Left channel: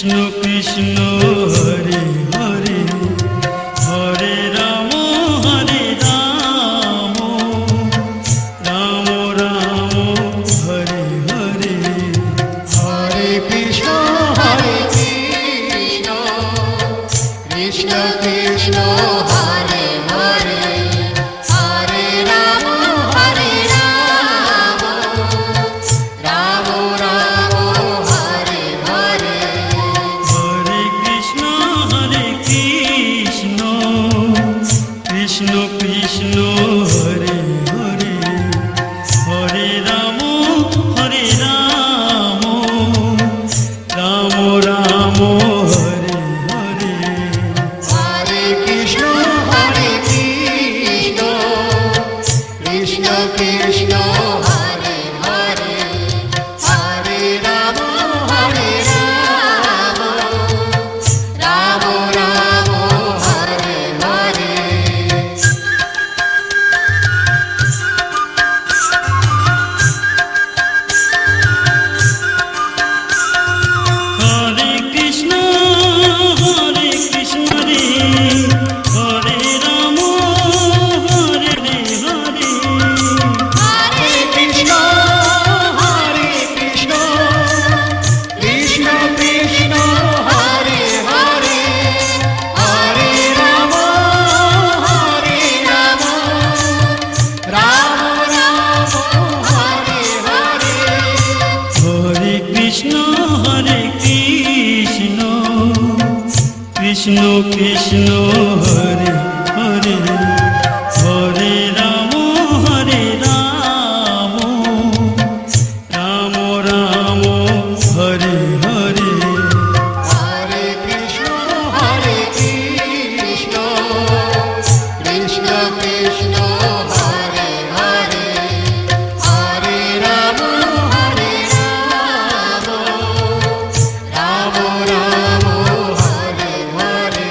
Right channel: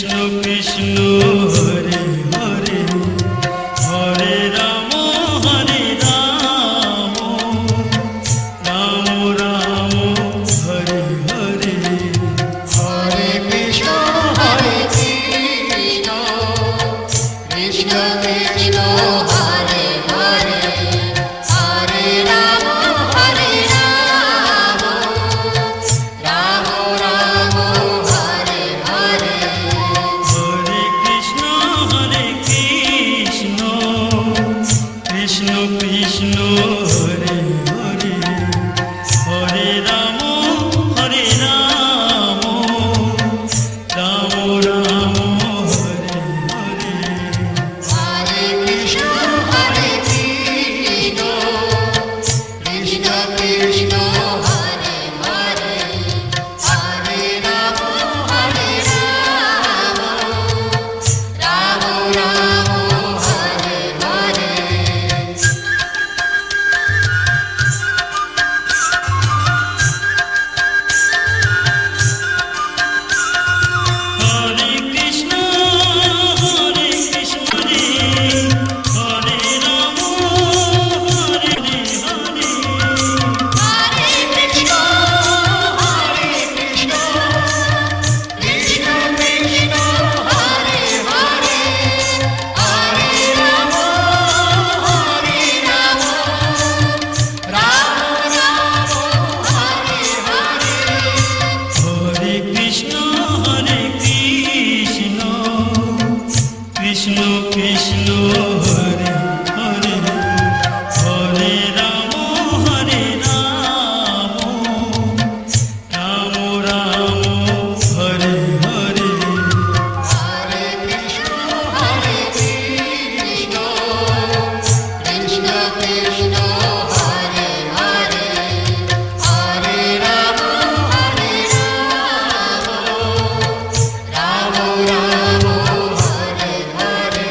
কৃষ্ণ কৃষ্ণ হরে হরে হরে রাম রাম রাম হরে হরে হরে কৃষ্ণ কৃষ্ণ কৃষ্ণ হরে হরে হরে রাম রাম রাম হরে হরে হরে কৃষ্ণ কৃষ্ণ কৃষ্ণ হরে হরে হরে রাম রাম রাম হরে হরে হরে কৃষ্ণ কৃষ্ণ কৃষ্ণ হরে হরে হরে রাম রাম রাম হরে হরে হরে কৃষ্ণ রে হরে রাম হরে হরে হরে কৃষ্ণ কৃষ্ণ কৃষ্ণ হরে হরে হরে রাম রাম রাম হরে হরে হরে কৃষ্ণ কৃষ্ণ কৃষ্ণ হরে হরে হরে রাম রাম রাম হরে হরে হরে কৃষ্ণ কৃষ্ণ কৃষ্ণ হরে হরে হরে রাম রাম রাম হরে হরে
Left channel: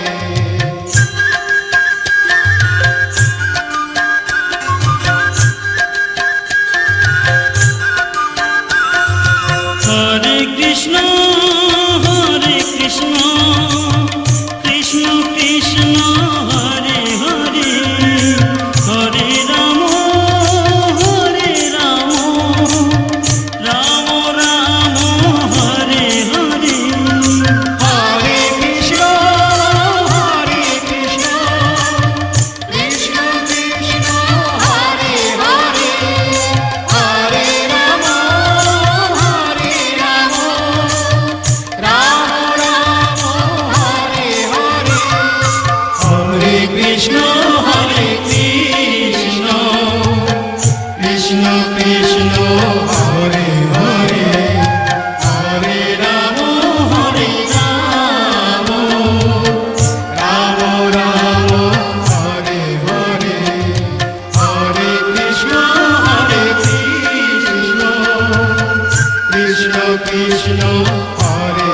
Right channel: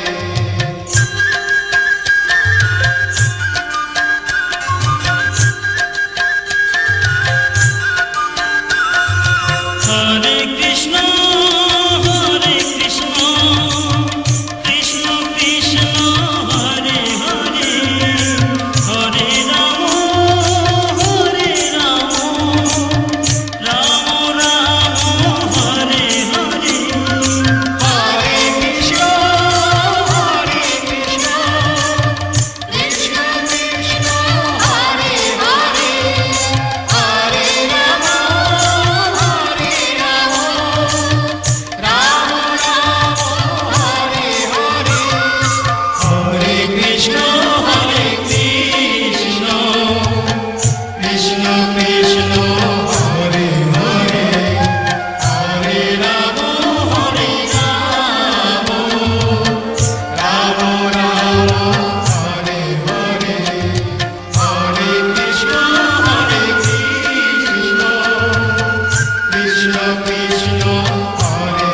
হরে কৃষ্ণ কৃষ্ণ কৃষ্ণ হরে হরে হরে রাম রাম রাম হরে হরে হরে কৃষ্ণ কৃষ্ণ কৃষ্ণ হরে হরে হরে রাম রাম রাম হরে হরে হরে কৃষ্ণ কৃষ্ণ কৃষ্ণ হরে হরে হরে রাম রাম রাম হরে হরে হরে কৃষ্ণ কৃষ্ণ কৃষ্ণ হরে